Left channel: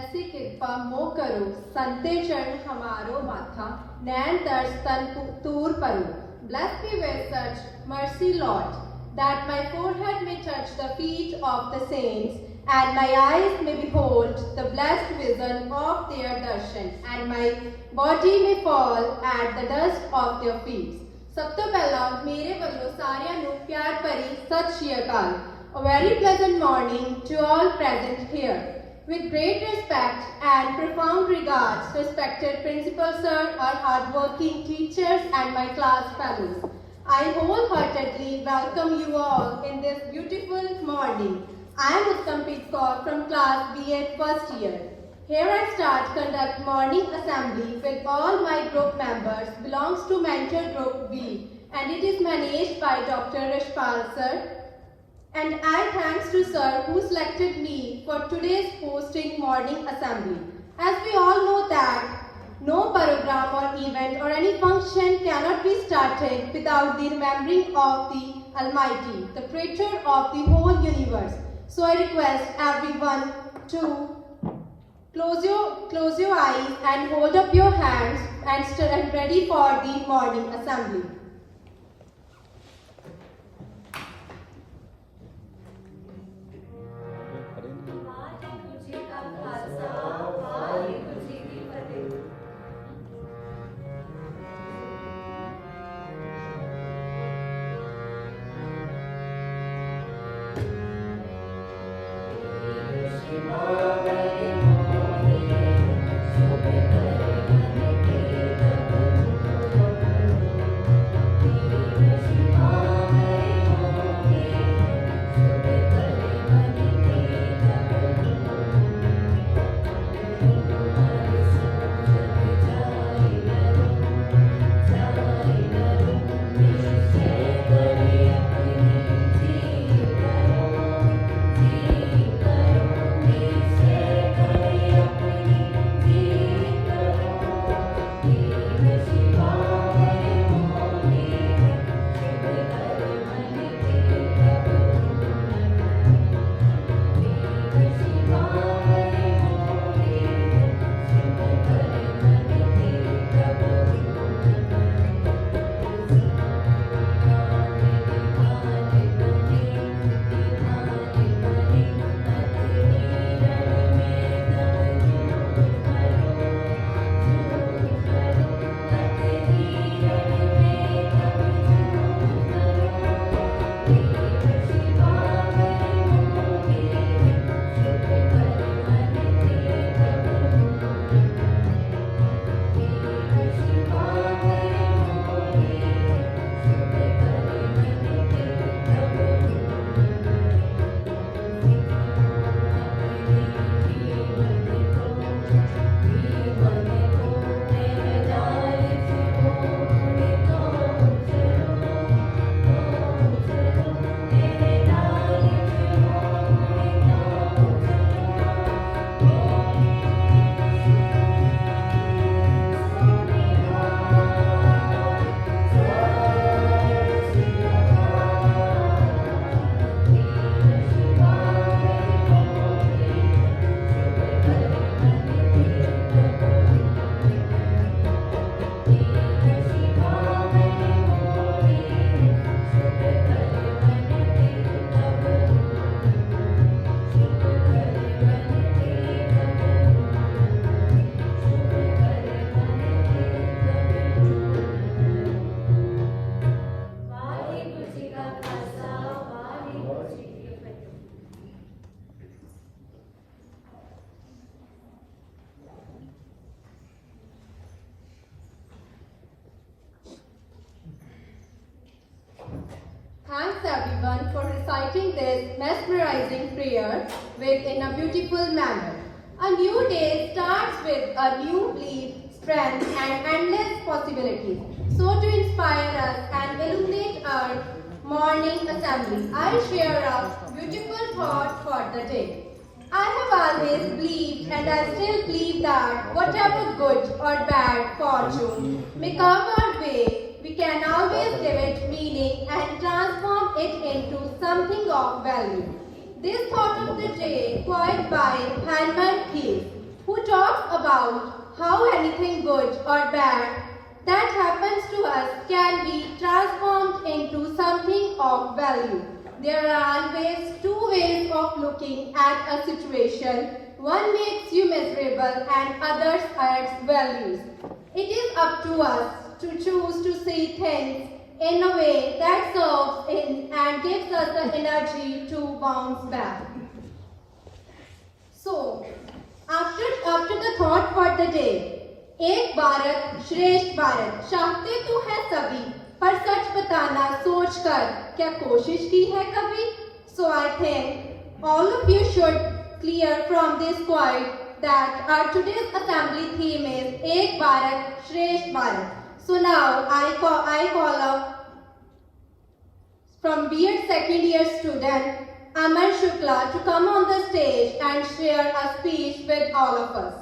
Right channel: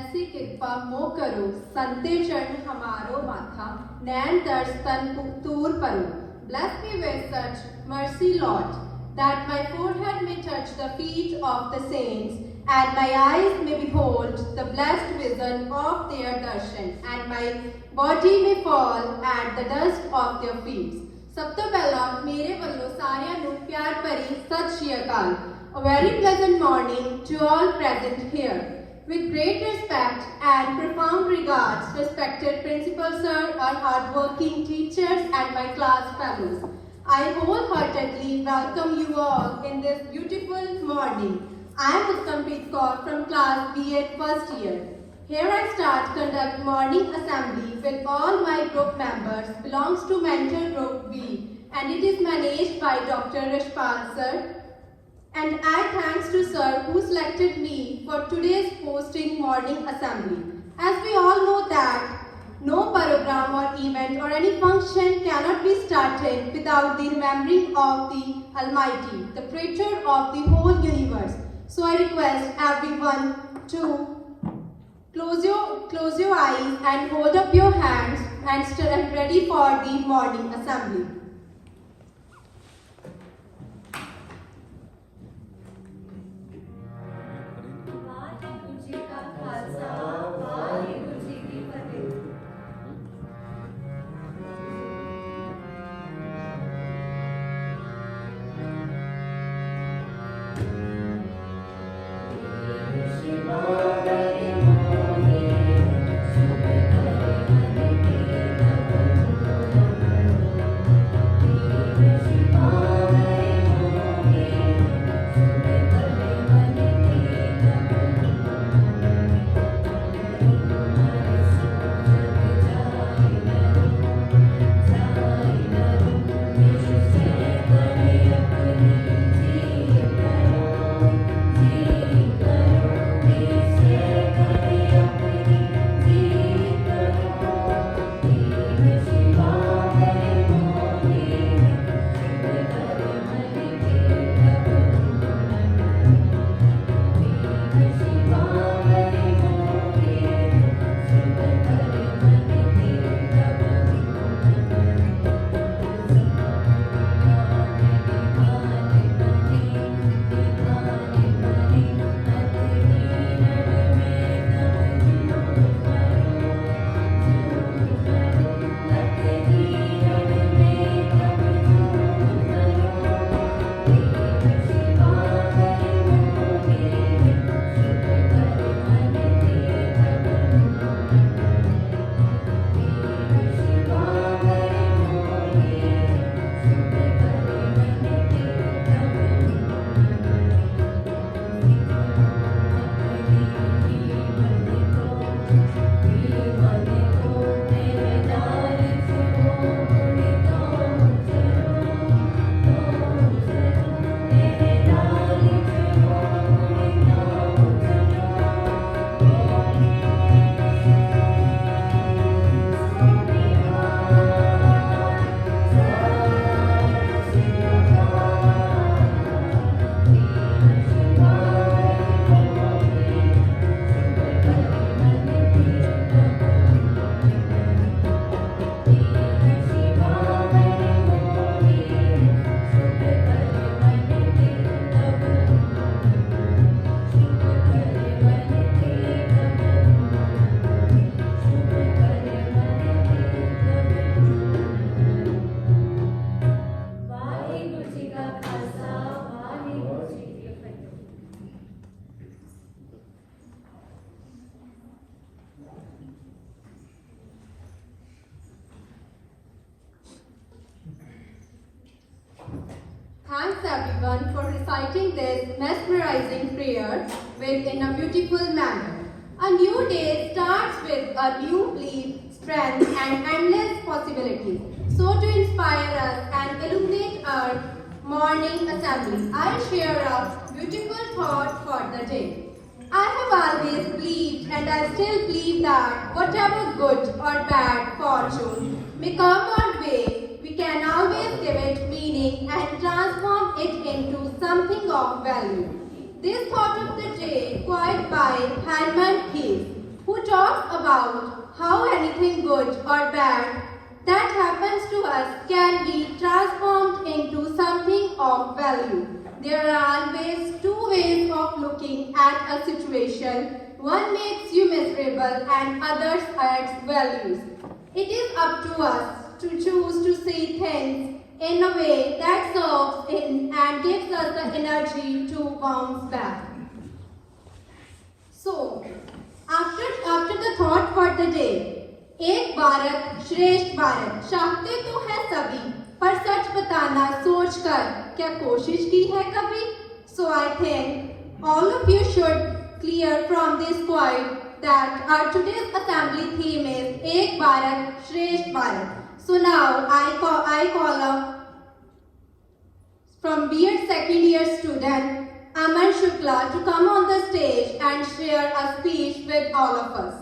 ऐसी कृपा मो करो संते चरण हमारो माथा नैन दर्श तन तूर परो. Bless me with such mercy, Lord, that my forehead may touch the feet of the saints, and my eyes may behold the blessed vision of their darshan, and my body may fall at the dust of their feet. ਸਭ ਤੋਂ ਪਹਿਲਾਂ ਮੇਰੇ ਵੱਲੋਂ ਸਾਰਿਆਂ ਨੂੰ ਪਿਆਰ ਭਰੀ ਸਤਿ ਸ਼੍ਰੀ ਅਕਾਲ. A very pleasant morning to all present here. With great respect and profound regards, respected Principal Sir, our hardworking teachers and my class fellows, I wholeheartedly welcome you all in this beautiful morning. I am Uttampreet Kaur from class BA first year. Here I start conduct morning assembly with all my group members belongs to mentor group B, and it is managed by Dr. Rishpal Sir. And I thanks to Sir who selected me for today's hosting morning assembly. As we all know that no program or event or any function cannot be started without the remembering of the Almighty, the creator of the whole universe. So I request everyone to close your eyes and hold up your hands and stand ready for the morning assembly. Thanks everyone for reciting this mesmerizing prayer in a beautiful manner. A new day starts with a new belief, strength and endless possibilities. So to inspire us and illuminate our morning assembly, I share a beautiful thought for the day. I have always believed and I still believe that whatever good or bad fortune may come our way, we can always give it meaning and transform it into something of value. This thought of the day, quite by Herman Hesse. about how anything good or bad that happens to us can be transformed into something of value. There are always two ways of looking at a situation. One makes you miserable and others adds values. It is up to us to choose to see things in a way that serves in and gives us the energy to bounce back. So, after the thought for the day, एक भारत श्रेष्ठ भारत चाहते तो है सभी, पर सच बताना सोचकर क्या कोशिश की है कभी? So I think all of you should clear from this point that our today's assembly theme is एक भारत श्रेष्ठ Bharat. So now I call up from B.Ed second year student Aman Shukla to come on the stage and share a speech with all of us.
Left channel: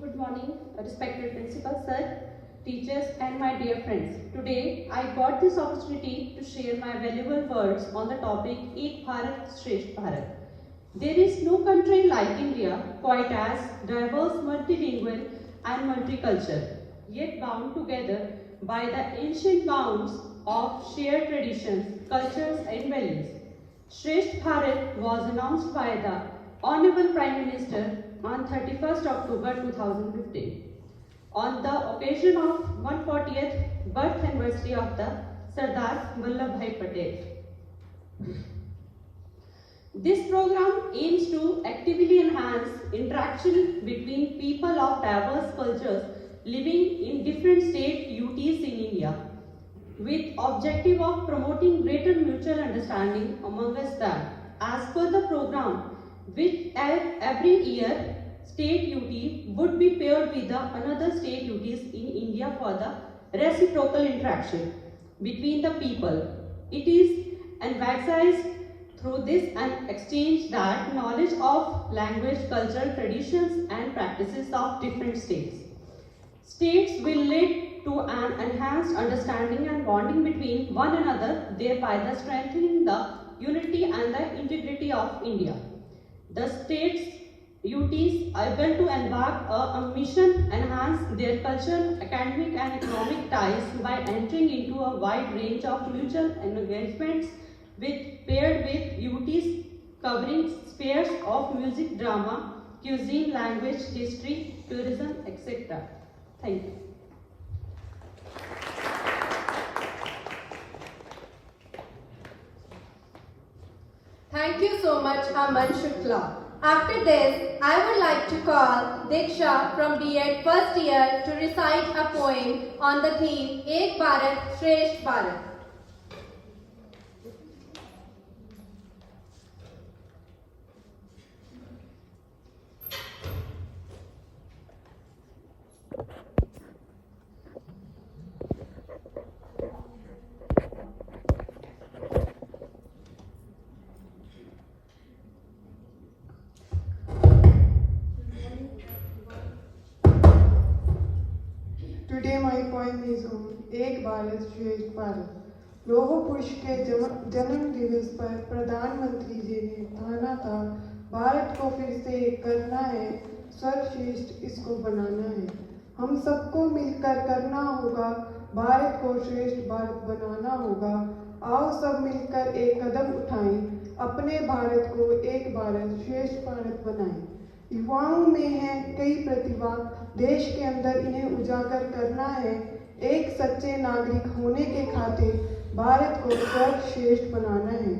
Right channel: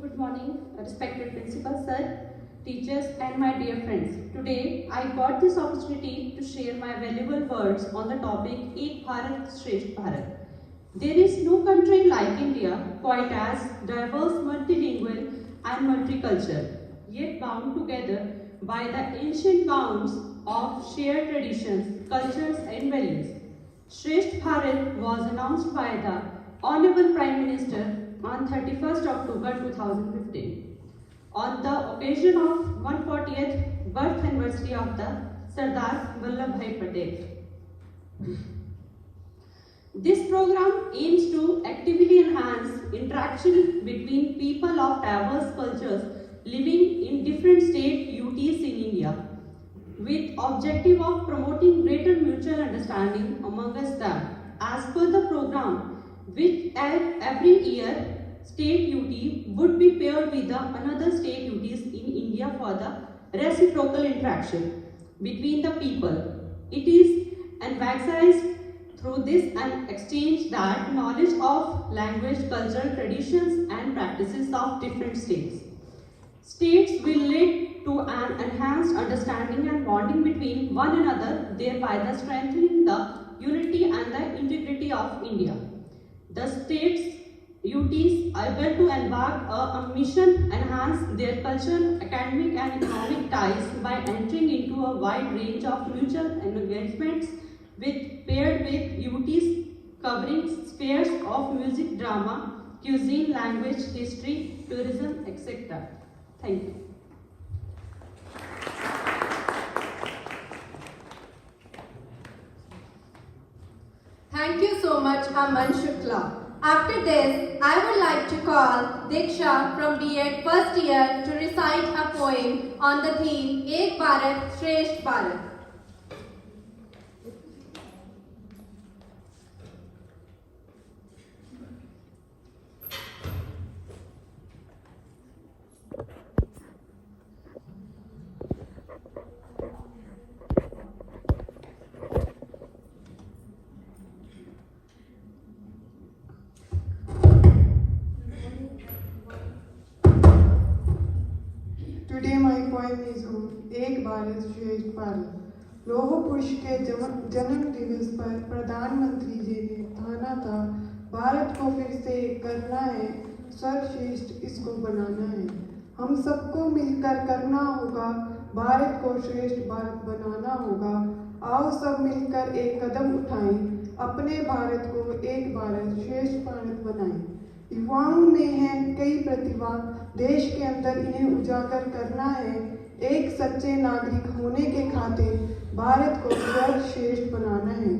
Good morning, respected principal sir, teachers and my dear friends. Today I got this opportunity to share my valuable words on the topic Ek Bharat Shresth Bharat. There is no country like India quite as diverse, multilingual and multicultural, yet bound together by the ancient bonds of shared traditions, cultures and values. Shresth Bharat was announced by the Honorable Prime Minister on 31st October 2015 on the occasion of 140th birth anniversary of the Sardar Vallabhbhai Patel. This program aims to actively enhance interaction between people of diverse cultures living in different state UTs in India, with objective of promoting greater mutual understanding amongst them. As per the program, which every year state UT would be paired with another state UTs in India for the reciprocal interaction between the people. It is emphasized through this and exchange that knowledge of language, culture, traditions and practices of different states. States will lead to an enhanced understanding and bonding between one another, thereby strengthening the unity and the integrity of India. The states UTs are able to embark a mission enhance their cultural, academic and economic ties by entering into a wide range of mutual engagements paired with UTs covering spheres of music, drama, cuisine, language, history, tourism, etc. Thank you. Thank you so much, Aman Shukla. After this, I would like to call Diksha from B.Ed first year to recite a poem on the theme Ek Bharat Shresth Bharat. Today my poem is on एक भारत श्रेष्ठ भारत। लोह पुरुष के जन्म दिवस पर प्रधानमंत्री जी ने ठाना था भारत को फिर से करना है सर्वश्रेष्ठ, इसको बनाना है। हम सबको मिलकर करना होगा, भारत को श्रेष्ठ भारत बनाना होगा। आओ सब मिलकर एक कदम उठाएं, अपने भारत को एक भारत श्रेष्ठ भारत बनाएं। युवाओं में है कई प्रतिभा, देश के अंदर इन्हें उजागर करना है। एक सच्चे नागरिक होने के खातिर भारत को सर्वश्रेष्ठ बनाना है।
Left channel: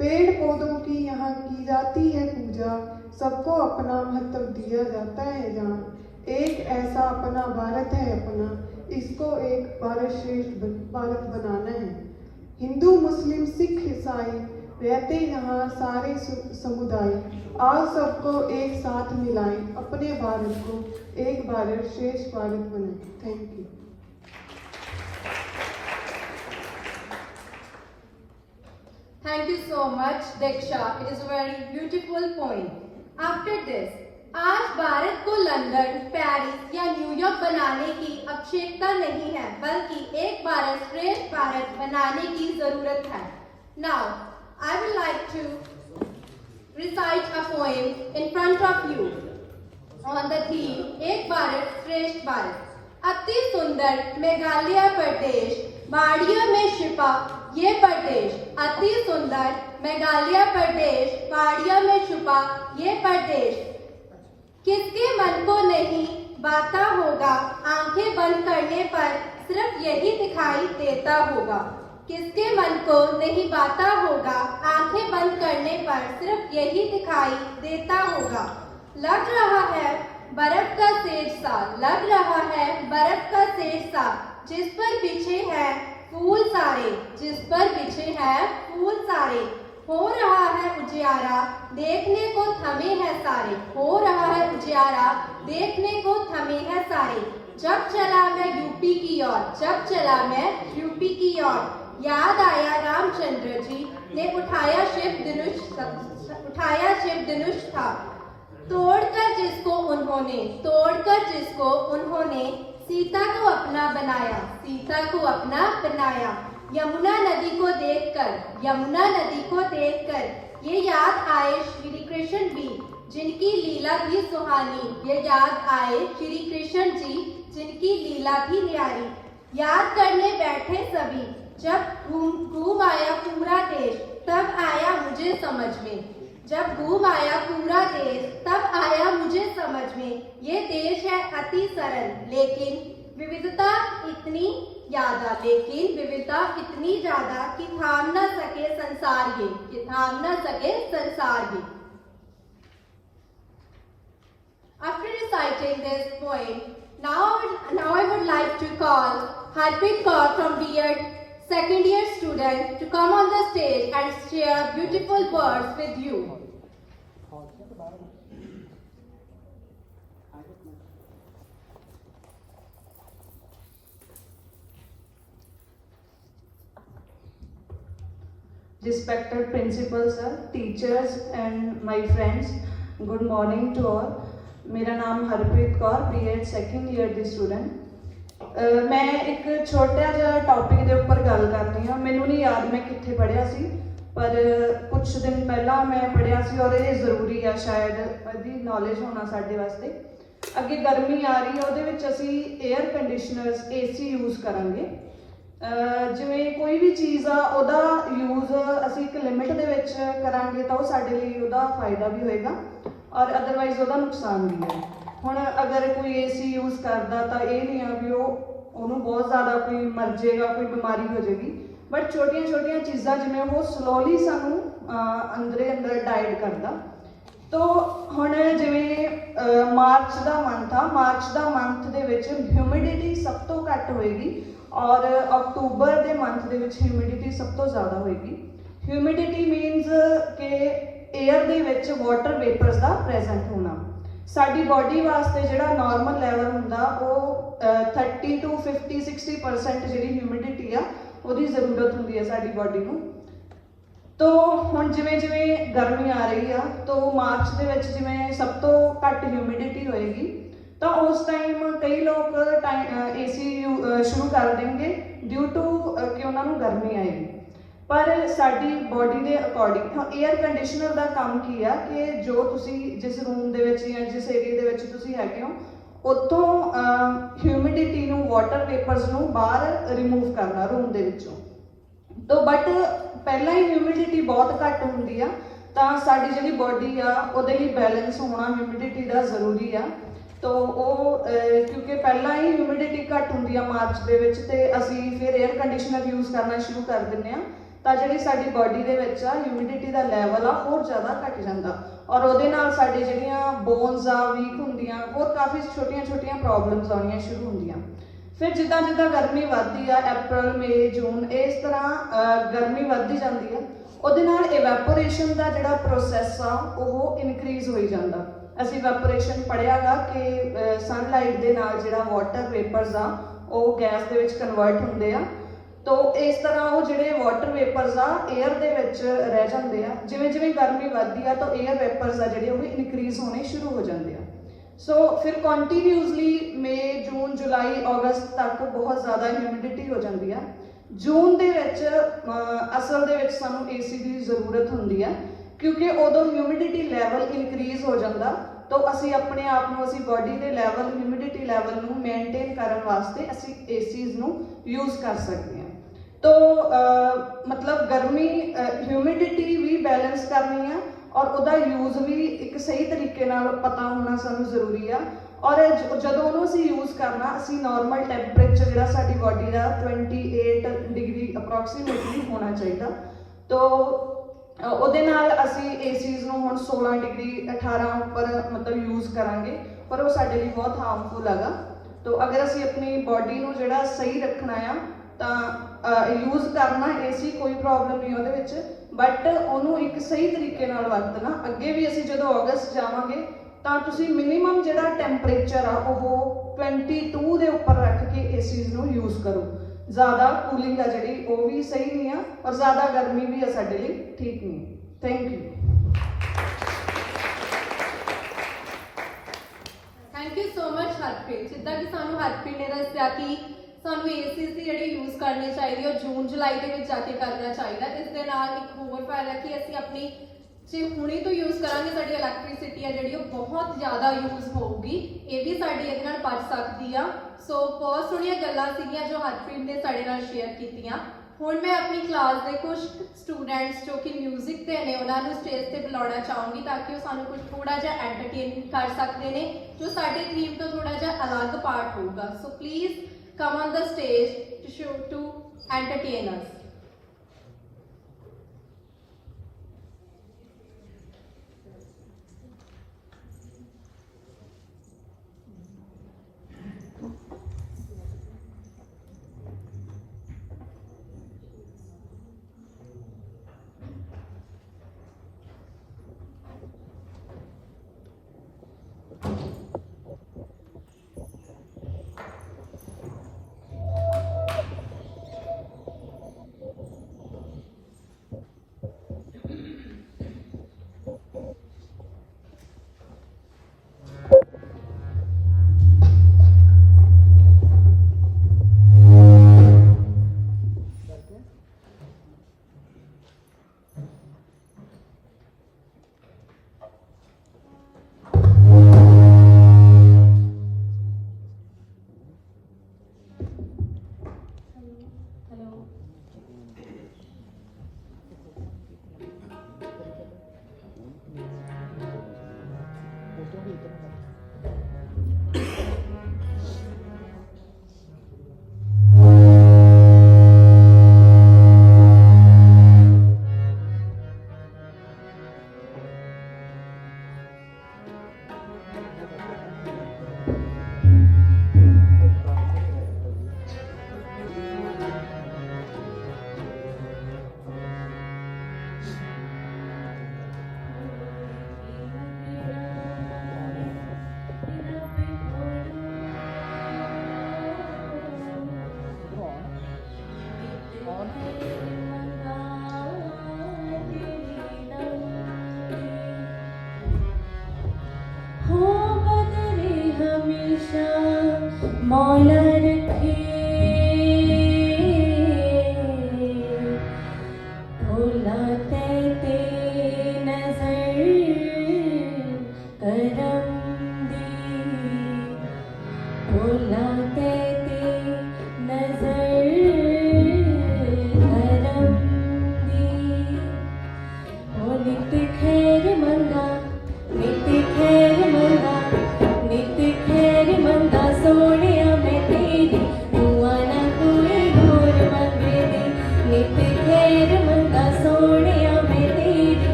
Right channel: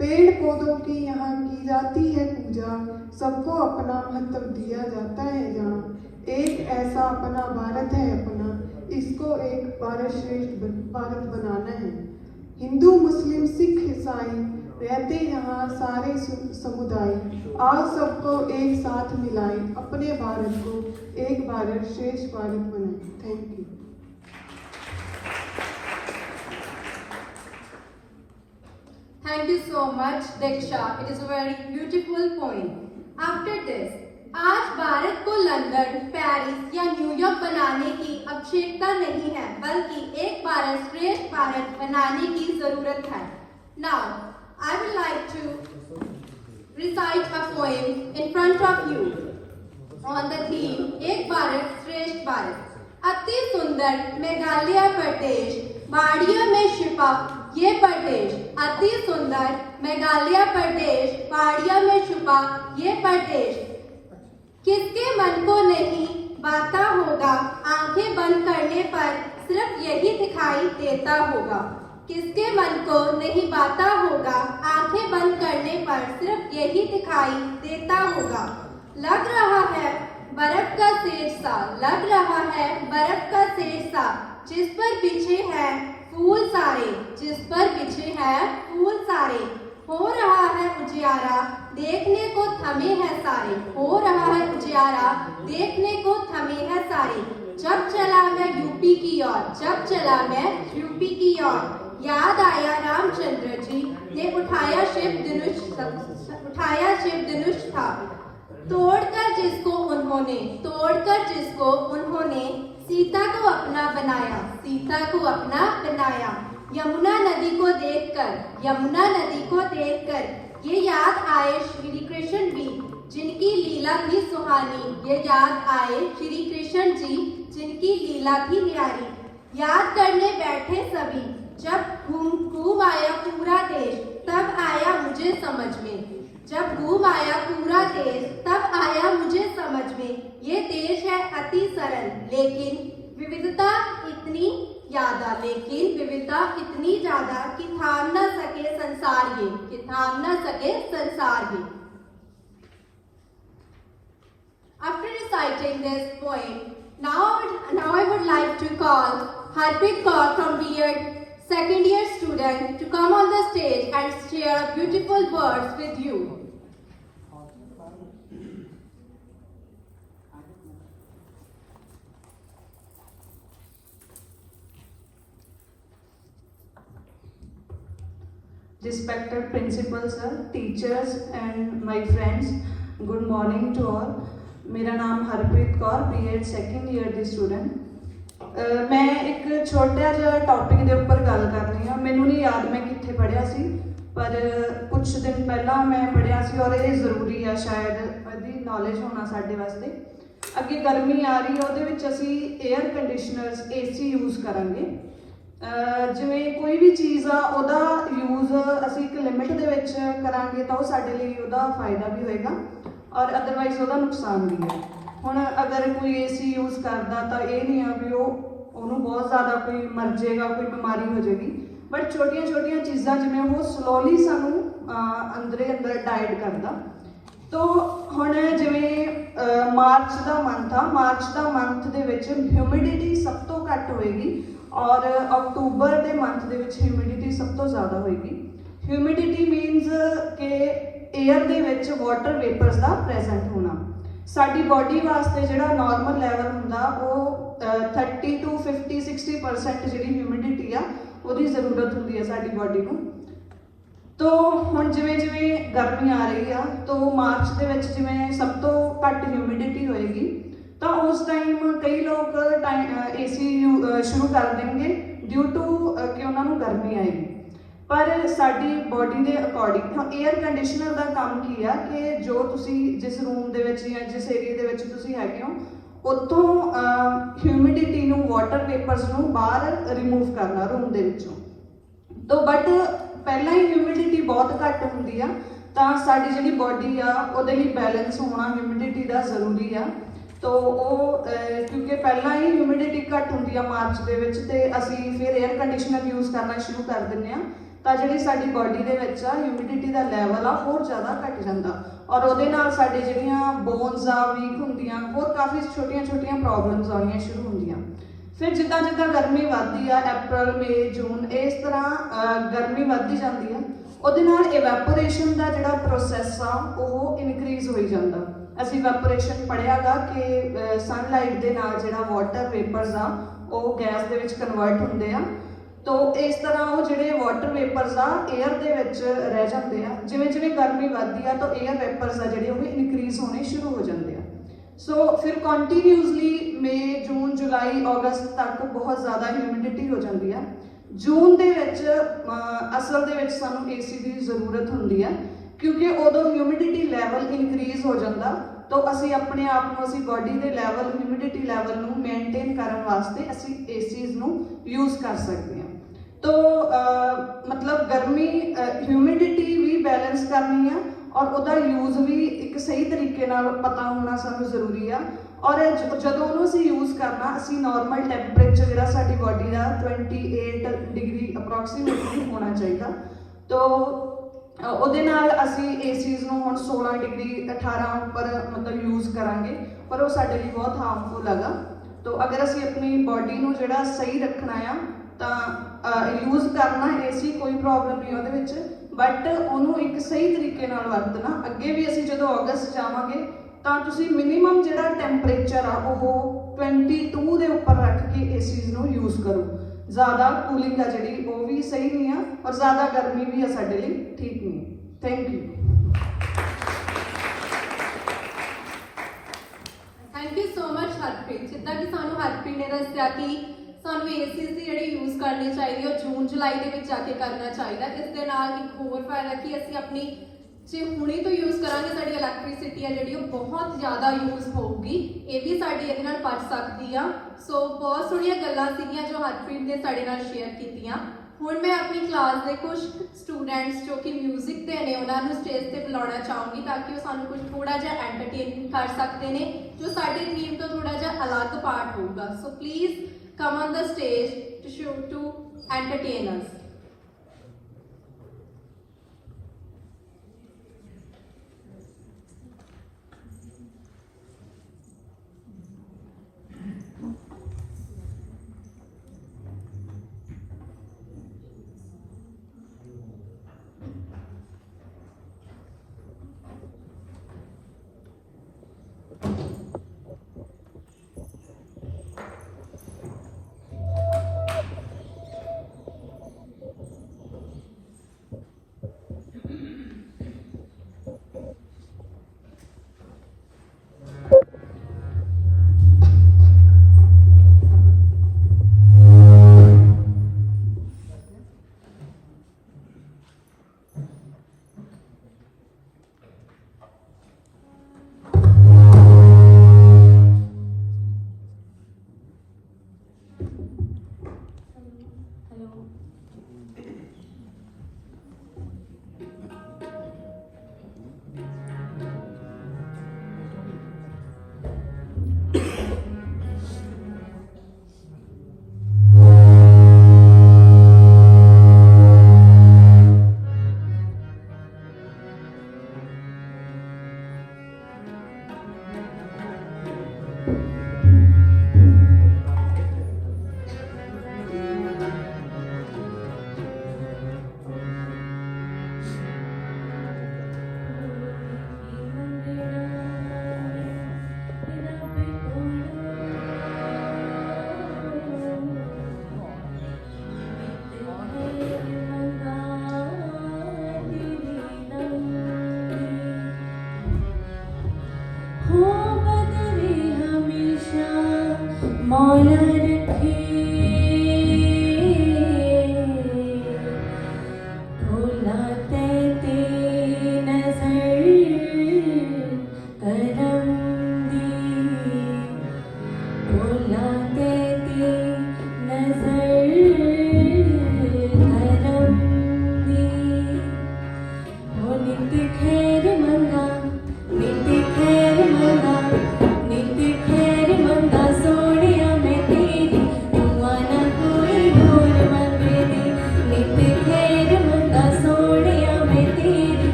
पेड़ पौधों की यहाँ की जाती है पूजा, सबको अपना महत्व दिया जाता है जहाँ। एक ऐसा अपना भारत है अपना, इसको एक भारत श्रेष्ठ भारत बनाना है। हिंदू मुस्लिम सिख ईसाई रहते यहाँ सारे समुदाय, आओ सबको एक साथ मिलाएं, अपने भारत को एक भारत श्रेष्ठ भारत बनाएं। Thank you. Thank you so much, Diksha. It is a very beautiful point. After this, आज भारत को लंदन, पेरिस या न्यूयॉर्क बनाने की आवश्यकता नहीं है, बल्कि एक भारत श्रेष्ठ भारत बनाने की जरूरत है. Now, I would like to recite a poem in front of you on the theme एक भारत श्रेष्ठ भारत. अति सुंदर मेघालय प्रदेश, पहाड़ियों में छिपा ये प्रदेश. अति सुंदर मेघालय प्रदेश, पहाड़ियों में छुपा ये प्रदेश. किसके मन को नहीं बाता होगा, आंखें बंद करने पर सिर्फ यही दिखाई देता होगा. किसके मन को नहीं बाता होगा, आंखें बंद करने पर सिर्फ यही दिखाई देता होगा. लग रहा है बर्फ का सेज सा, लग रहा है बर्फ का सेज सा, जिस पर बिछे हैं फूल सारे, जिस पर बिछे हैं फूल सारे. हो रहा है उजियारा, देखने को थमे हैं सारे. हो रहा है उजियारा, देखने को थमे हैं सारे. जब चला मैं यूपी की ओर, जब चला मैं यूपी की ओर, याद आया रामचंद्र जी ने उठाया शिव धनुष था. तोड़कर जिसको उन्होंने सीता को अपना बनाया, सीता को अपना बनाया. यमुना नदी को देखकर ये याद आए श्री कृष्ण भी, जिनकी लीला थी सुहानी. ये याद आए श्री कृष्ण जी, जिनकी लीला थी न्यारी. याद करने बैठे सभी, जब घूम आया पूरा देश, तब आया मुझे समझ में. जब घूम आया पूरा देश, तब आया मुझे समझ में. ये देश है अति सरल, लेकिन विविधता इतनी ज्यादा, कि थाम न सके संसार ये. After reciting this poem, now I would like to call Harpreet Kaur from B.Ed second year student to come on the stage and share beautiful words with you. Respected principal sir, teachers and my friends, good morning to all. मेरा नाम हरप्रीत Kaur, B.Ed second year ਦੀ स्टूडेंट. मैं एक छोटा ਜਿਹਾ टॉपिक ਦੇ ਉੱਪਰ ਗੱਲ ਕਰ ਰਹੀ ਹਾਂ. ਮੈਨੂੰ ਨਹੀਂ ਯਾਦ ਮੈਂ ਕਿੱਥੇ ਪੜ੍ਹਿਆ ਸੀ, ਪਰ ਕੁਝ ਦਿਨ ਪਹਿਲਾਂ ਮੈਂ ਪੜ੍ਹਿਆ ਸੀ ਔਰ ਇਹ ਜ਼ਰੂਰੀ ਆ ਸ਼ਾਇਦ ਇਹਦੀ ਨੌਲੇਜ ਹੋਣਾ ਸਾਡੇ ਵਾਸਤੇ. ਅੱਗੇ ਗਰਮੀ ਆ ਰਹੀ ਹੈ, ਉਹਦੇ ਵਿੱਚ ਅਸੀਂ 에ਅਰ ਕੰਡੀਸ਼ਨਰਸ AC ਯੂਜ਼ ਕਰਾਂਗੇ. ਜਿਵੇਂ ਕੋਈ ਵੀ ਚੀਜ਼ ਆ ਉਹਦਾ ਯੂਜ਼ ਅਸੀਂ ਇੱਕ ਲਿਮਿਟ ਦੇ ਵਿੱਚ ਕਰਾਂਗੇ ਤਾਂ ਉਹ ਸਾਡੇ ਲਈ ਉਹਦਾ ਫਾਇਦਾ ਵੀ ਹੋਏਗਾ ਔਰ ਅਦਰਵਾਈਜ਼ ਉਹਦਾ ਨੁਕਸਾਨ ਵੀ ਹੈ. ਹੁਣ ਅਗਰ ਕੋਈ AC ਯੂਜ਼ ਕਰਦਾ ਤਾਂ ਇਹ ਨਹੀਂ ਆ ਵੀ ਉਹਨੂੰ ਬਹੁਤ ਜ਼ਿਆਦਾ ਕੋਈ ਮਰ ਜਾਏਗਾ, ਕੋਈ ਬਿਮਾਰੀ ਹੋ ਜਾਏਗੀ. ਬਟ ਛੋਟੀਆਂ ਛੋਟੀਆਂ ਚੀਜ਼ਾਂ ਜਿਵੇਂ ਉਹ ਸਲੋਲੀ ਸਾਨੂੰ ਅੰਦਰ ਡਾਈਟ ਕਰਦਾ. ਤੋ ਹੁਣ ਜਿਵੇਂ ਮਾਰਚ ਦਾ ਮੰਥ ਦੇ ਵਿੱਚ ਹਿਊਮਿਡਿਟੀ ਸਭ ਤੋਂ ਘੱਟ ਹੋਏਗੀ ਔਰ ਅਕਤੂਬਰ ਦੇ ਮੰਥ ਦੇ ਵਿੱਚ ਹਿਊਮਿਡਿਟੀ ਸਭ ਤੋਂ ਜ਼ਿਆਦਾ ਹੋਏਗੀ. ਹਿਊਮਿਡਿਟੀ ਮੀਨਸ ਕਿ 에ਅਰ ਦੇ ਵਿੱਚ ਵਾਟਰ ਵੇਪਰਸ ਦਾ ਪ੍ਰੈਜ਼ੈਂਟ ਹੋਣਾ. ਸਾਡੀ ਬੋਡੀ ਵਾਸਤੇ ਜਿਹੜਾ ਨਾਰਮਲ ਲੈਵਲ ਹੁੰਦਾ ਉਹ 30 to 50 60% ਜਿਹੜੀ ਹਿਊਮਿਡਿਟੀ ਆ ਉਹਦੀ ਜ਼ਰੂਰਤ ਹੁੰਦੀ ਹੈ ਸਾਡੀ ਬੋਡੀ ਨੂੰ. ਤੋ ਹੁਣ ਜਿਵੇਂ ਗਰਮੀ ਆ ਰਹੀ ਆ ਤੋ ਮਾਰਚ ਦੇ ਵਿੱਚ ਜਿਵੇਂ ਸਭ ਤੋਂ ਘੱਟ ਹਿਊਮਿਡਿਟੀ ਹੋਏਗੀ ਤਾਂ ਉਸ ਟਾਈਮ ਕਈ ਲੋਕ AC ਸ਼ੁਰੂ ਕਰ ਦੇਣਗੇ ਡਿਊ ਟੂ ਕਿ ਉਹਨਾਂ ਨੂੰ ਗਰਮੀ ਆਏਗੀ. ਪਰ ਸਾਡੀ ਬੋਡੀ ਦੇ ਅਕੋਰਡਿੰਗ 에ਅਰ ਕੰਡੀਸ਼ਨਰ ਦਾ ਕੰਮ ਕੀ ਆ ਕਿ ਜੋ ਤੁਸੀਂ ਜਿਸ ਰੂਮ ਦੇ ਵਿੱਚ ਜਾਂ ਜਿਸ ਏਰੀਆ ਦੇ ਵਿੱਚ ਤੁਸੀਂ ਹੈਗੇ ਹੋ ਉੱਥੋਂ ਹਿਊਮਿਡਿਟੀ ਨੂੰ ਵਾਟਰ ਵੇਪਰਸ ਨੂੰ ਬਾਹਰ ਰਿਮੂਵ ਕਰਨਾ ਰੂਮ ਦੇ ਵਿੱਚੋਂ. ਤੋ ਬਟ ਪਹਿਲਾਂ ਹੀ ਹਿਊਮਿਡਿਟੀ ਬਹੁਤ ਘੱਟ ਹੁੰਦੀ ਆ ਤਾਂ ਸਾਡੀ ਜਿਹੜੀ ਬੋਡੀ ਆ ਉਹਦੇ ਲਈ ਬੈਲੈਂਸ ਹੋਣਾ ਹਿਊਮਿਡਿਟੀ ਦਾ ਜ਼ਰੂਰੀ ਆ. ਤੋ ਉਹ ਕਿਉਂਕਿ ਪਹਿਲਾਂ ਹੀ ਹਿਊਮਿਡਿਟੀ ਘੱਟ ਹੁੰਦੀ ਆ ਮਾਰਚ ਦੇ ਵਿੱਚ ਤੇ ਅਸੀਂ ਫਿਰ 에ਅਰ ਕੰਡੀਸ਼ਨਰ ਯੂਜ਼ ਕਰਨਾ ਸ਼ੁਰੂ ਕਰ ਦਿੰਦੇ ਆ ਤਾਂ ਜਿਹੜੀ ਸਾਡੀ ਬੋਡੀ ਦੇ ਵਿੱਚ ਆ ਹਿਊਮਿਡਿਟੀ ਦਾ ਲੈਵਲ ਆ ਹੋਰ ਜ਼ਿਆਦਾ ਘੱਟ ਜਾਂਦਾ ਔਰ ਉਹਦੇ ਨਾਲ ਸਾਡੇ ਜਿਹੜੀਆਂ ਬੋਨਸ ਆ ਵੀਕ ਹੁੰਦੀਆਂ, ਬਹੁਤ ਕਾਫੀ ਛੋਟੀਆਂ ਪ੍ਰੋਬਲਮਸ ਆਉਣੀਆਂ ਸ਼ੁਰੂ ਹੁੰਦੀਆਂ. ਫਿਰ ਜਿੱਦਾਂ ਗਰਮੀ ਵੱਧਦੀ ਆ ਅਪ੍ਰੈਲ, ਮਈ, ਜੂਨ ਇਸ ਤਰ੍ਹਾਂ ਗਰਮੀ ਵੱਧਦੀ ਜਾਂਦੀ ਹੈ ਉਹਦੇ ਨਾਲ ਇਵੈਪੋਰੇਸ਼ਨ ਦਾ ਜਿਹੜਾ ਪ੍ਰੋਸੈਸ ਆ ਉਹ ਇਨਕਰੀਜ਼ ਹੋਈ ਜਾਂਦਾ. ਅਸੀਂ ਇਵੈਪੋਰੇਸ਼ਨ ਪੜ੍ਹਿਆਗਾ ਕਿ ਸਨਲਾਈਟ ਦੇ ਨਾਲ ਜਿਹੜਾ ਵਾਟਰ ਵੇਪਰਸ ਆ ਉਹ ਗੈਸ ਦੇ ਵਿੱਚ ਕਨਵਰਟ ਹੁੰਦੇ ਆ ਤੋ ਇਸ ਤਰ੍ਹਾਂ ਉਹ ਜਿਹੜੇ ਵਾਟਰ ਵੇਪਰਸ ਆ 에ਅਰ ਦੇ ਵਿੱਚ ਰਹਿ ਜਾਂਦੇ ਆ। ਜਿਵੇਂ ਜਿਵੇਂ ਗਰਮੀ ਵੱਧਦੀ ਆ ਤਾਂ 에ਅਰ ਵੇਪਰਸ ਆ ਜਿਹੜੇ ਉਹ ਵੀ ਇਨਕਰੀਜ਼ ਹੋਣੇ ਸ਼ੁਰੂ ਹੋ ਜਾਂਦੇ ਆ। ਸੋ ਫਿਰ ਕੰਟੀਨਿਊਸਲੀ ਮਈ, ਜੂਨ, ਜੁਲਾਈ, ਅਗਸਤ ਤੱਕ ਬਹੁਤ ਜ਼ਿਆਦਾ ਹਿਊਮਿਡਿਟੀ ਹੋ ਜਾਂਦੀ ਆ। ਜੂਨ ਦੇ ਵਿੱਚ ਅਸਲ ਦੇ ਵਿੱਚ ਸਾਨੂੰ ਏਸੀ ਦੀ ਜ਼ਰੂਰਤ ਹੁੰਦੀ ਹੈ, ਕਿਉਂਕਿ ਉਦੋਂ ਹਿਊਮਿਡਿਟੀ ਲੈਵਲ ਇਨਕਰੀਜ਼ ਹੋ ਜਾਂਦਾ। ਤਾਂ ਅਸੀਂ ਆਪਣੇ ਆਪ ਨੂੰ, ਅਸੀਂ ਬਾਡੀ ਦੇ ਲੈਵਲ, ਹਿਊਮਿਡਿਟੀ ਲੈਵਲ ਨੂੰ ਮੇਨਟੇਨ ਕਰਨ ਵਾਸਤੇ ਅਸੀਂ ਏਸੀਜ਼ ਨੂੰ ਯੂਜ਼ ਕਰ ਸਕਦੇ ਹਾਂ। ਤਾਂ ਮਤਲਬ ਗਰਮੀ, ਹਿਊਮਿਡਿਟੀ ਵੀ ਬੈਲੈਂਸ ਕਰਨੀ ਆ ਔਰ ਉਹਦਾ ਯੂਜ਼ ਵੀ ਇੱਕ ਸਹੀ ਤਰੀਕੇ ਨਾਲ ਪਤਾ ਹੋਣਾ ਸਾਨੂੰ ਜ਼ਰੂਰੀ ਆ। ਔਰ ਜਦੋਂ ਉਹਨੂੰ ਅਸੀਂ ਯੂਜ਼ ਕਰਨਾ, ਅਸੀਂ ਨਾਰਮਲ ਟੈਂਪਰੇਚਰ ਜਿਹੜਾ ਸਾਡੀ ਬਾਡੀ ਦਾ 28 ਡਿਗਰੀ ਅਪਰੋਕਸੀਮੇਟਲੀ ਹੋਣਾ ਚਾਹੀਦਾ। ਤਾਂ ਉਹਦੇ ਨਾਲ ਅਸੀਂ ਏਸੀਜ਼ ਨੂੰ ਹੁਣ 16 ਡਿਗਰੀ 18 ਉੱਪਰ ਮਤਲਬ ਯੂਜ਼ ਕਰਾਂਗੇ, ਪਰ ਉਹ ਸਾਡੇ ਲਈ ਬਹੁਤ ਹਾਰਮਫੁਲ ਹੈਗਾ। ਤਾਂ ਅਗਰ ਅਸੀਂ ਆਪਣੀ ਬਾਡੀ ਨੂੰ ਜਿਹੜਾ ਸਹੀ ਰੱਖਣਾ ਆ ਤਾਂ ਯੂਜ਼ ਕਰਨਾ ਏਸੀ, ਕੋਈ ਪ੍ਰੋਬਲਮ ਨਹੀਂ ਉਹਦੇ ਵਿੱਚ, ਬਟ ਉਹਨੂੰ ਇੱਕ ਸਹੀ ਤਰੀਕੇ ਨਾਲ ਵਰਤਣਾ। ਅੱਗੇ ਵੀ ਅਸੀਂ ਜਦੋਂ ਅਗਸਤ ਜਾਵਾਂਗੇ ਤਾਂ ਤੁਸੀਂ ਮਿਨੀਮਮ ਜਿਹੜਾ ਟੈਂਪਰੇਚਰ ਆ ਉਹ 22 ਦੇ ਉੱਪਰ ਰੱਖ ਕੇ ਏਸੀਜ਼ ਨੂੰ ਯੂਜ਼ ਕਰੋ। ਜ਼ਿਆਦਾ ਕੂਲਿੰਗ ਆ ਜਿਹੜੀ ਉਹ ਵੀ ਸਹੀ ਨਹੀਂ ਆ, ਔਰ ਜ਼ਿਆਦਾ ਗਰਮੀ ਵੀ ਆ ਸਾਡੇ ਲਈ ਠੀਕ ਨਹੀਂ। Thank you. Thank you so much Harpreet. ਜਿੱਦਾਂ ਕਿ ਸਾਨੂੰ ਹਰਪ੍ਰੀਤ ਨੇ ਦੱਸਿਆ ਕਿ ਸਾਨੂੰ ਏਸੀਜ਼ ਦੀ ਜਿਹੜੀ ਯੂਜ਼ ਕਰਨੀ ਚਾਹੀਦੀ ਉਹ ਜੂਨ ਜੁਲਾਈ ਦੇ ਵਿੱਚ ਜਾ ਕੇ ਕਰਨਾ ਚਾਹੀਦਾ। ਇਸ ਦੇ ਨਾਲ ਇੱਕ ਹੋਰ ਫਾਇਦਾ ਕਿ ਅਸੀਂ ਆਪਣੀ ਜੇ ਹੁਣੇ ਤੋਂ ਯੂਜ਼ ਕਰਾਂਗੇ, ਸਾਡੀ ਇਲੈਕਟ੍ਰਿਸਿਟੀ ਹੈ ਜਿਹੜੀ ਉਹ ਬਹੁਤ ਜ਼ਿਆਦਾ ਯੂਜ਼ ਹੋਊਗੀ, ਇਹ ਵੀ ਸਾਡੀ ਇਹਦੇ ਨਾਲ ਬਚ ਸਕਦੀ ਆ। ਸੋ ਬਹੁਤ ਸੋਹਣੀਆਂ ਗੱਲਾਂ ਸੀਗੀਆਂ ਜੋ ਹਰਪ੍ਰੀਤ ਨੇ ਸਾਡੇ ਨਾਲ ਸ਼ੇਅਰ ਕੀਤੀਆਂ। ਹੁਣ ਮੈਂ ਆਪਣੀ ਕਲਾਸ ਦੇ ਕੁਝ ਸਟੂਡੈਂਟਸ ਜੋ ਕਿ ਮਿਊਜ਼ਿਕ ਦੇ ਨੇ ਉਹਨਾਂ ਨੂੰ ਸਟੇਜ ਤੇ ਬੁਲਾਉਣਾ ਚਾਹੂੰਗੀ ਤਾਂ ਕਿ ਉਹ ਸਾਨੂੰ ਕੁਝ ਥੋੜਾ ਜਿਹਾ ਐਂਟਰਟੇਨਮੈਂਟ ਕਰ ਸਕਦੇ ਨੇ ਜੋ ਸਾਡੇ ਥੀਮ ਤੋਂ ਥੋੜਾ ਜਿਹਾ ਅਲੱਗ ਪਾਰਟ ਹੋਊਗਾ। So please come on the stage to entertain us. Thank you.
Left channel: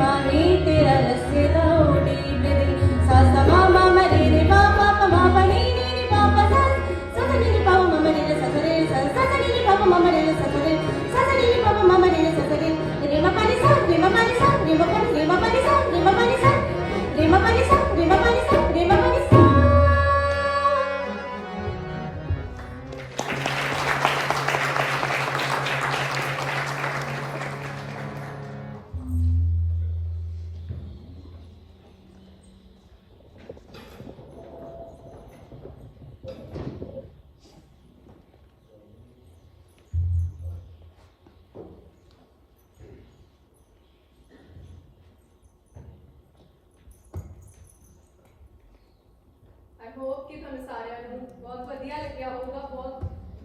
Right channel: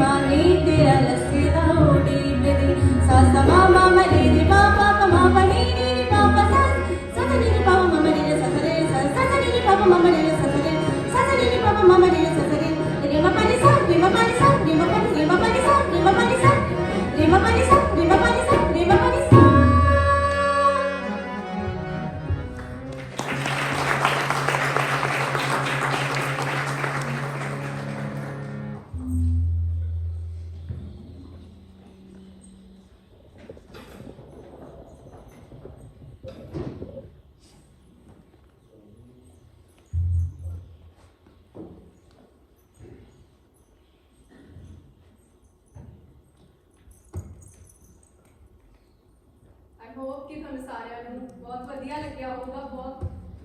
वाणी तेरा रसेदा ओडी बेद सा सा मा मा मा रे रे मा मा मा मा रे रे रे मा मा सा सा सा रे रे मा मा मा रे रे सा सा रे सा सा रे रे मा मा मा रे रे सा सा रे सा सा रे रे मा मा मा रे रे सा सा रे रे मा पा रे सा रे मा पा रे सा रे मा पा रे मा पा रे सा रे मा पा रे सा रे मा पा रे सा रे मा पा रे सा रे मा पा रे सा I hope कि ਤੁਹਾਨੂੰ ਸਾਰਿਆਂ ਨੂੰ ਬਹੁਤ ਵਧੀਆ ਲੱਗਿਆ ਹੋਊਗਾ। ਬਹੁਤ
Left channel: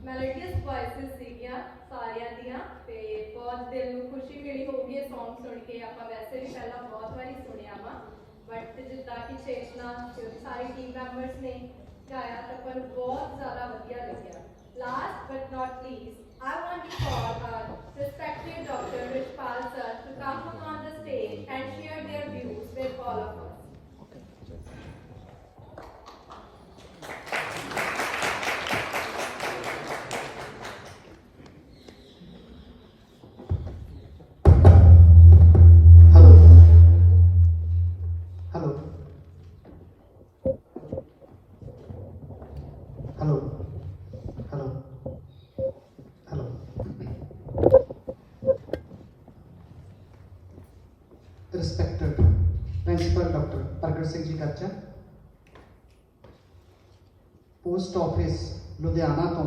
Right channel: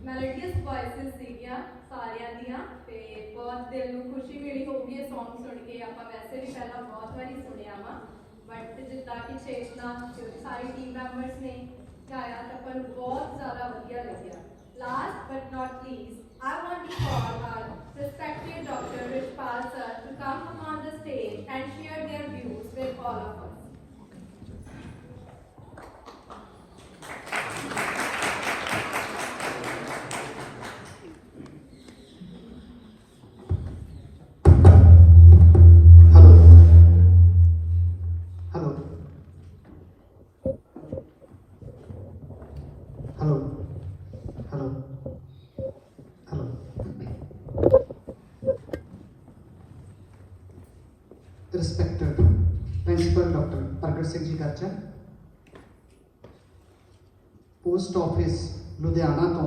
ਮੈਲੋਡੀਅਸ ਵੌਇਸਸ ਸੀਗੀਆਂ ਸਾਰਿਆਂ ਦੀਆਂ ਤੇ ਬਹੁਤ ਦਿਲ ਨੂੰ ਖੁਸ਼ੀ ਮਿਲੀ ਹੋਊਗੀ ਇਹ Song ਸੁਣ ਕੇ। ਆਪਾਂ ਵੈਸੇ ਵੀ ਪਹਿਲਾਂ ਬਹੁਤ ਵਾਰੀ ਸੁਣਿਆ ਵਾ ਬਟ ਜਿੱਦਾਂ ਕਿ ਚੇਤਨਾ ਸਾਰੀ ਟੀਮ ਮੈਂਬਰਸ ਨੇ ਗਾਇਆ ਤਾਂ ਆਪਾਂ ਨੂੰ ਬਹੁਤ ਜ਼ਿਆਦਾ ਵਧੀਆ ਲੱਗਿਆ। Last but not least, I want to call our respected Dr. Rishpal sir to come on the stage and share their views with all of us. Hello. Hello. Hello. Hello. Hello. Respected Principal Dr. Pragat Singh Ji Gachar, post office Ludhiana तो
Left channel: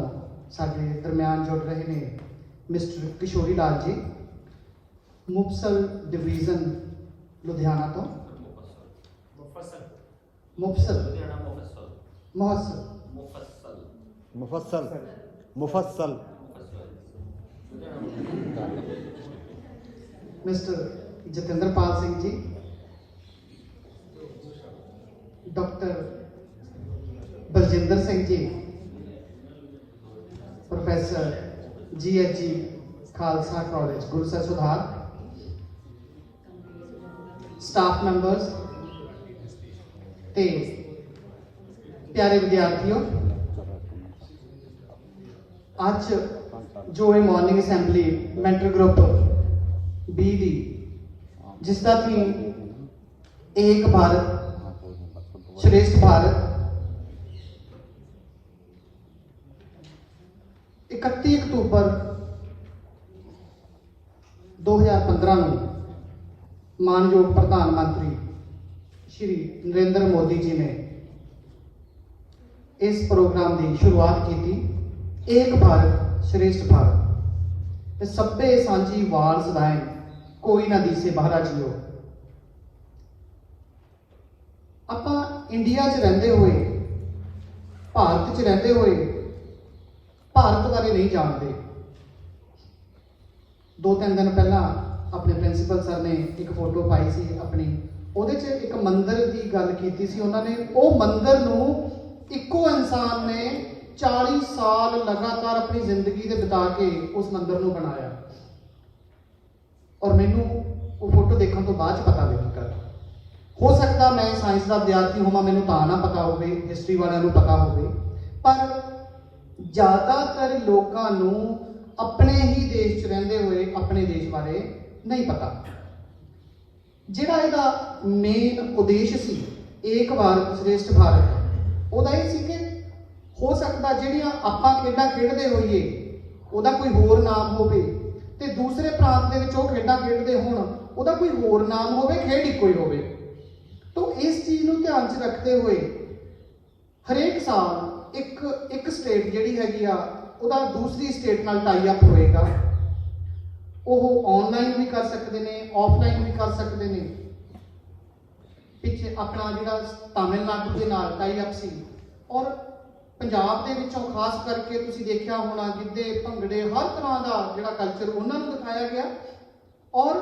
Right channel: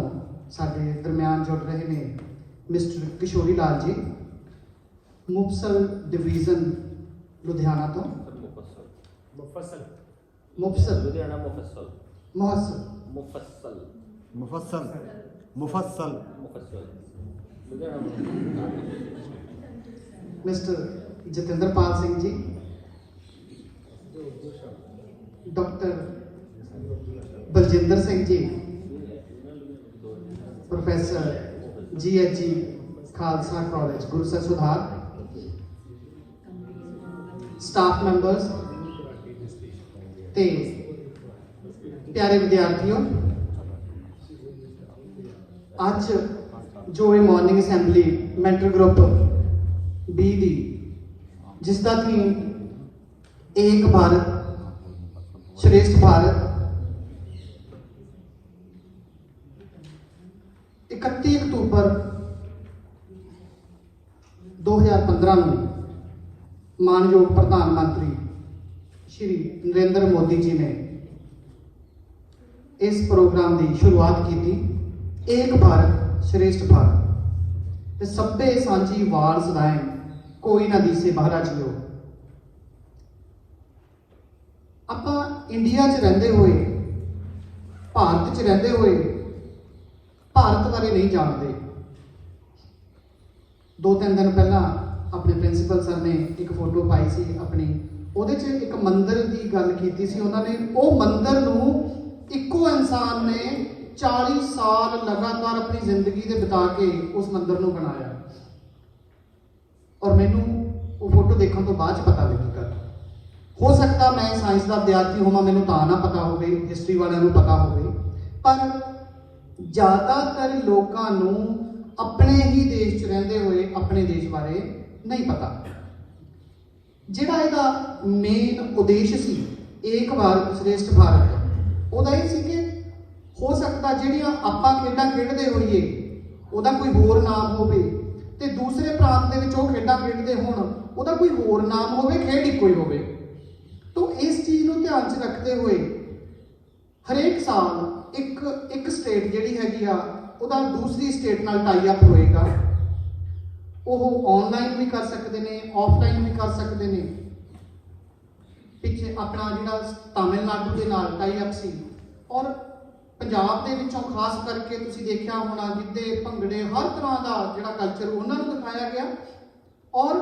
साडे दरम्यान जुड़ रहे ने मिस्टर किशोरी लाल जी, मुफसल डिवीजन लुधियाना तो मुफसल मुफस्सल मिस्टर जतिंदर पाल सिंह जी, डॉक्टर बलजिंदर सिंह जी, प्रोफेसर GHG खालसा कॉलेज गुरसा सुधार, स्टाफ मैंबर्स ते प्यारे विद्यार्थियों, आज जो morning assembly mentor group BD जिसका थीम एक भारत श्रेष्ठ भारत 31 अक्टूबर 2015 ਨੂੰ ਮਾਨਯੋਗ ਪ੍ਰਧਾਨ ਮੰਤਰੀ ਸ਼੍ਰੀ ਨਰਿੰਦਰ ਮੋਦੀ ਜੀ ਨੇ ਇਸ ਪ੍ਰੋਗਰਾਮ ਦੀ ਸ਼ੁਰੂਆਤ ਕੀਤੀ। ਇੱਕ ਭਾਰਤ ਸ਼੍ਰੇਸ਼ਠ ਭਾਰਤ ਤੇ ਸਭੇ ਸਾਂਝੀ ਵਾਰ ਸਦਾਏ ਕੋਈ ਨਾ ਦੀਸੇ ਬਾਹਰਾ ਜੀਓ। ਆਪਾਂ ਇੰਡੀਆ 'ਚ ਰਹਿੰਦੇ ਹੋਏ, ਭਾਰਤ 'ਚ ਰਹਿੰਦੇ ਹੋਏ ਭਾਰਤ ਬਾਰੇ ਨਹੀਂ ਜਾਣਦੇ। 2-3 ਦਿਨ ਪਹਿਲਾਂ ਆਪਣੇ ਪ੍ਰਿੰਸੀਪਲ ਸਰ ਨੇ ਇੱਕ ਫੋਟੋ ਪਾਈ ਸੀ ਆਪਣੀ, ਉਹਦੇ 'ਚ ਇੱਕ ਮੰਦਿਰ ਦੀ ਗੱਲ ਕੀਤੀ ਸੀ ਉਹਨਾਂ ਨੇ। ਉਹ ਮੰਦਿਰ ਨੂੰ ਇੱਕੋ ਇਨਸਾਨ ਨੇ 40 ਸਾਲ ਲਗਾਤਾਰ ਆਪਣੀ ਜ਼ਿੰਦਗੀ ਦੇ ਬਿਤਾ ਕੇ ਉਸ ਮੰਦਿਰ ਨੂੰ ਬਣਾਇਆ। ਔਰ ਮੈਨੂੰ ਉਹ ਫੋਟੋ ਦੇਖਣ ਤੋਂ ਬਾਅਦ 'ਚ ਪਤਾ ਲੱਗਾ, ਹੋ ਸਕਦਾ ਮੈਂ ਸਾਇੰਸ ਦਾ ਵਿਦਿਆਰਥੀ ਹੋਵਾਂ, ਮੈਨੂੰ ਤਾਂ ਨਾ ਪਤਾ ਹੋਵੇ, ਹਿਸਟਰੀ ਵਾਲਿਆਂ ਨੂੰ ਪਤਾ ਹੋਵੇ, ਪਰ ਜ਼ਿਆਦਾਤਰ ਲੋਕਾਂ ਨੂੰ ਆਪਣੇ ਹੀ ਦੇਸ਼ 'ਚ ਰਹਿੰਦੇ ਹੋਏ ਆਪਣੇ ਦੇਸ਼ ਬਾਰੇ ਨਹੀਂ ਪਤਾ। ਜਿਹੜਾ ਇਹਦਾ ਮੇਨ ਉਦੇਸ਼ ਸੀ ਏਕ ਭਾਰਤ ਸ਼੍ਰੇਸ਼ਠ ਭਾਰਤ, ਉਹਦਾ ਇਹ ਸੀ ਕਿ ਹੋ ਸਕਦਾ ਜਿਹੜੀਆਂ ਆਪਾਂ ਖੇਡਾਂ ਖੇਡਦੇ ਹੋਈਏ ਉਹਦਾ ਕੋਈ ਹੋਰ ਨਾਮ ਹੋਵੇ ਤੇ ਦੂਸਰੇ ਪ੍ਰਾਂਤ ਦੇ ਵਿੱਚ ਉਹ ਖੇਡਾਂ ਖੇਡਦੇ ਹੋਣ ਉਹਦਾ ਕੋਈ ਹੋਰ ਨਾਮ ਹੋਵੇ, ਖੇਡ ਇੱਕੋ ਹੀ ਹੋਵੇ। ਤਾਂ ਇਸ ਚੀਜ਼ ਨੂੰ ਧਿਆਨ 'ਚ ਰੱਖਦੇ ਹੋਏ ਹਰੇਕ ਸਾਲ ਇੱਕ ਸਟੇਟ ਜਿਹੜੀ ਹੈਗੀ ਆ ਉਹਦਾ ਦੂਸਰੀ ਸਟੇਟ ਨਾਲ ਟਾਈ ਅਪ ਹੋਏਗਾ। ਉਹ ਆਨਲਾਈਨ ਵੀ ਕਰ ਸਕਦੇ ਨੇ, ਆਫਲਾਈਨ ਵੀ ਕਰ ਸਕਦੇ ਨੇ। ਪਿੱਛੇ ਆਪਣਾ ਜਿਹੜਾ ਤਾਮਿਲਨਾਡੂ ਦੇ ਨਾਲ ਟਾਈ ਅਪ ਸੀ, ਔਰ ਪੰਜਾਬ ਦੇ ਵਿੱਚੋਂ ਖਾਸ ਕਰਕੇ ਤੁਸੀਂ ਦੇਖਿਆ ਹੋਣਾ ਗਿੱਧੇ ਭੰਗੜੇ ਹਰ ਤਰ੍ਹਾਂ ਦਾ ਜਿਹੜਾ ਕਲਚਰ ਉਹਨਾਂ ਨੂੰ ਦਿਖਾਇਆ ਗਿਆ, ਔਰ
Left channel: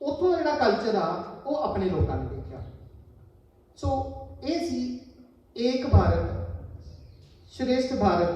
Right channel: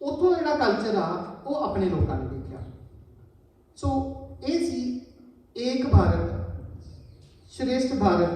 ਉੱਥੋਂ ਜਿਹੜਾ ਕਲਚਰ ਆ ਉਹ ਆਪਣੇ ਲੋਕਾਂ ਨੇ ਦੇਖਿਆ। ਸੋ ਇਹ ਸੀ ਏਕ ਭਾਰਤ श्रेष्ठ भारत